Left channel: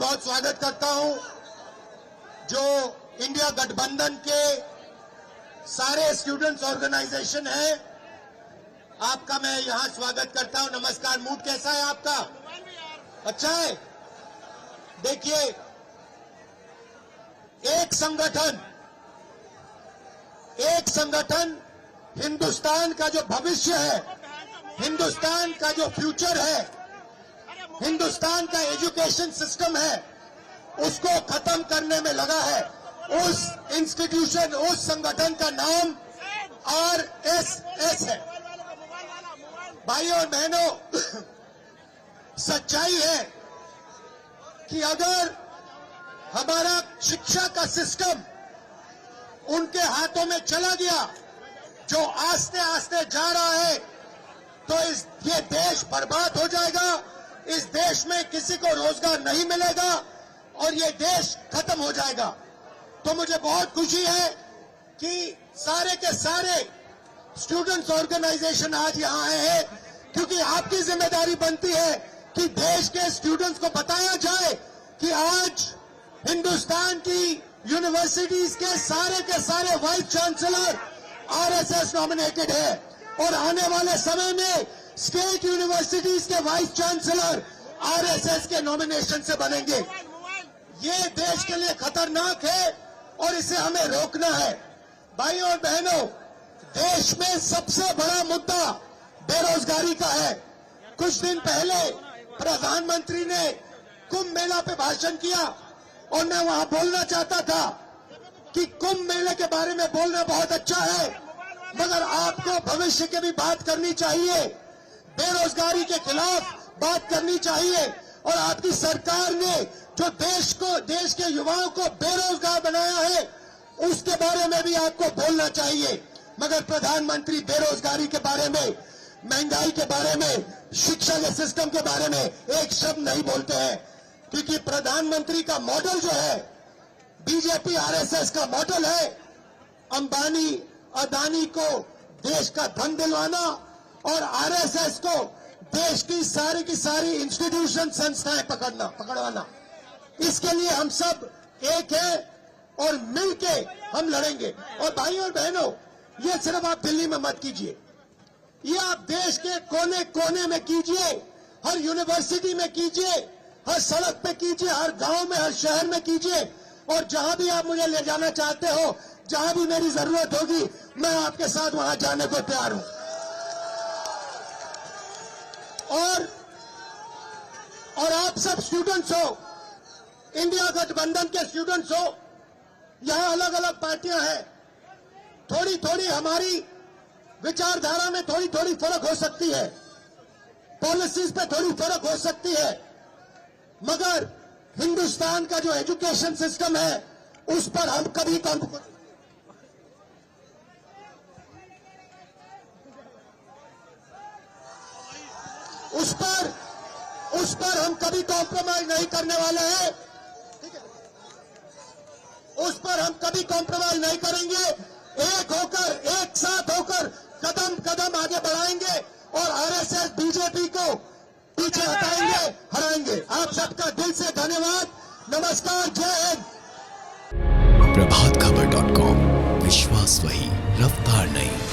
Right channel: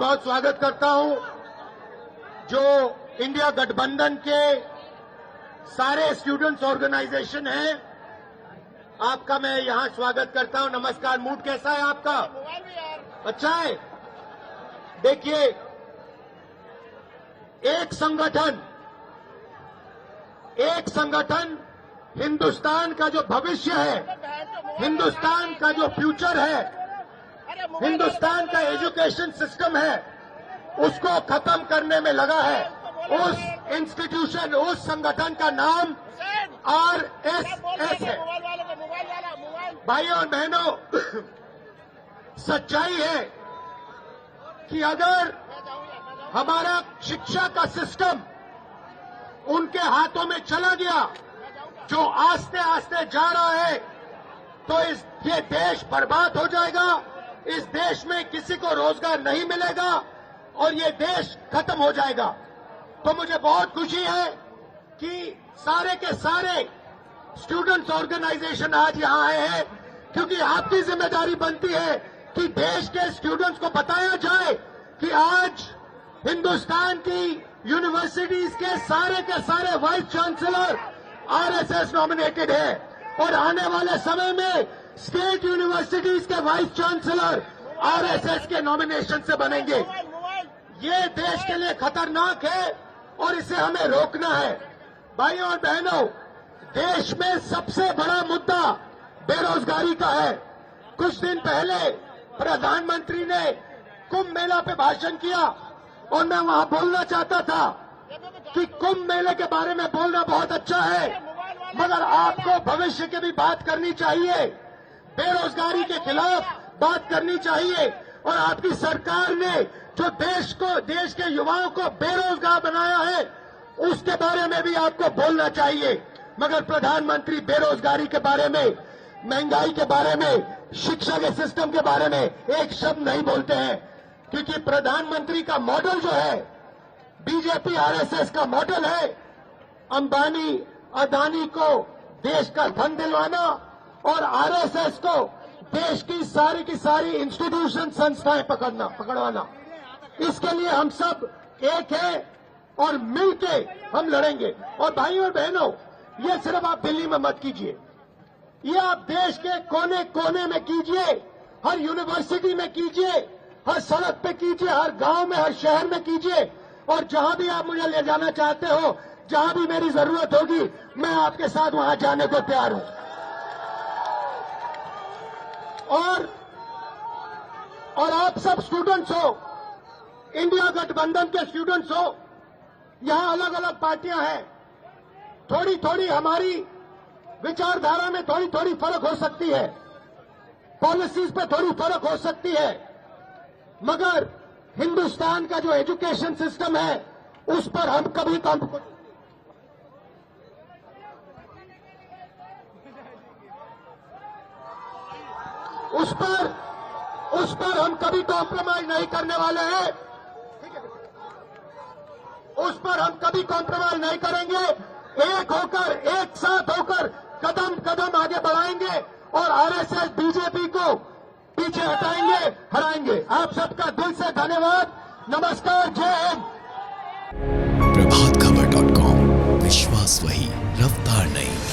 बहुत स्वागत करता हूं। जो इंडिया गठबंधन के सारे स्टूडेंट्स ऑर्गेनाइजेशन हैं, आपका मैं यहां स्वागत करता हूं। नमस्कार। मूड कैसा है आपका? अच्छा है। देखिए, एक संगठन हिंदुस्तान का जो भविष्य है, हिंदुस्तान का जो फ्यूचर है, हिंदुस्तान का एजुकेशन सिस्टम है, उसको खत्म करने में लगा है। उस इंस्टीट्यूशन, उस संगठन का नाम आरएसएस है। भाइयों और बहनों, सच्चाई है कि अगर हमारा शिक्षा का सिस्टम उनके हाथों में चला गया, जो आस्ते आस्ते जा रहा है, तो ये देश बर्बाद हो जाएगा। इस देश में किसी को रोजगार नहीं मिलेगा और ये देश खत्म हो जाएगा। तो मुझे बहुत खुशी है कि सारे के सारे स्टूडेंट्स ऑर्गेनाइजेशन आज यहां आए हैं, क्योंकि आपकी जिम्मेदारी बनती है कि देश के स्टूडेंट्स को बताया जाए कि आज हिंदुस्तान की यूनिवर्सिटीज के सारे वाइस चांसलर आरएसएस नॉमिनेटेड है और आने वाले समय में स्टेट यूनिवर्सिटीज के वाइस चांसलर आरएसएस के नॉमिनेशन से बनेंगे। ये देश के लिए खतरनाक है और इसे हमें रोकना है। भाइयों और बहनों, देश में सबसे बड़ा मुद्दा बेरोजगारी का है। कुछ दिन पहले प्रधानमंत्री ने कुंभ मेला पे भाषण किया और मैं वहां बोलना चाहता था कि कुंभ मेले के बारे में बोलना बहुत अच्छा है, मगर आपको भविष्य की भी बात करनी चाहिए, बेरोजगारी के खिलाफ बात करनी चाहिए। और आपकी सरकार ने जो देश के युवाओं को बेरोजगार बनाया है, उसके बारे में भी आपको बोलना चाहिए। मगर प्रधानमंत्री बेरोजगारी के बारे में, महंगाई के बारे में, शिक्षा के सिस्टम के बारे में एक शब्द नहीं बोलते हैं, क्योंकि प्रधानमंत्री का मॉडल जो है, बीजेपी आरएसएस का मॉडल है, अंबानी अदानी को देश का धन दिलवाना और आरएसएस को देश की सारी इंस्टीट्यूशन, संस्थाएं पकड़वाना। इसके लिए हम सब एक है और मिलके हम लड़ेंगे। और भाइयों और बहनों, ये सिर्फ आप दिल्ली में मत कीजिए, ये आप देश के कोने कोने में कीजिए, हर यूनिवर्सिटी में कीजिए, हर सड़क पे कीजिए, हर गांव में, हर शहर में कीजिए। और जहां भी आप मुझे ले जाना चाहते हो, जहां भी मेरी जरूरत होगी, मैं आपके साथ वहां जाने को तैयार हूं। और आप सब स्टूडेंट्स हो, इंडिया गठबंधन के स्टूडेंट्स हो, यहां अलग अलग पार्टियां हैं, थोड़ी हमारी विचारधारा में थोड़ी फर्क हो सकती है, पॉलिसीज पे थोड़ी फर्क हो सकती है, मगर हिंदुस्तान का जो एजुकेशन सिस्टम है, उस पर हम कभी उस पर हम कभी कॉम्प्रोमाइज नहीं करने वाले हैं। उस पर हम कभी कॉम्प्रोमाइज नहीं करेंगे। एक होकर, एक साथ होकर कदम कदम आगे बढ़ाएंगे और आरएसएस बीजेपी को पीछे हटाएंगे। आप सबका दिल से धन्यवाद। नमस्कार, जय हिंद। प्रभातखबर.com, विश्वास वही, रफ्तार नहीं।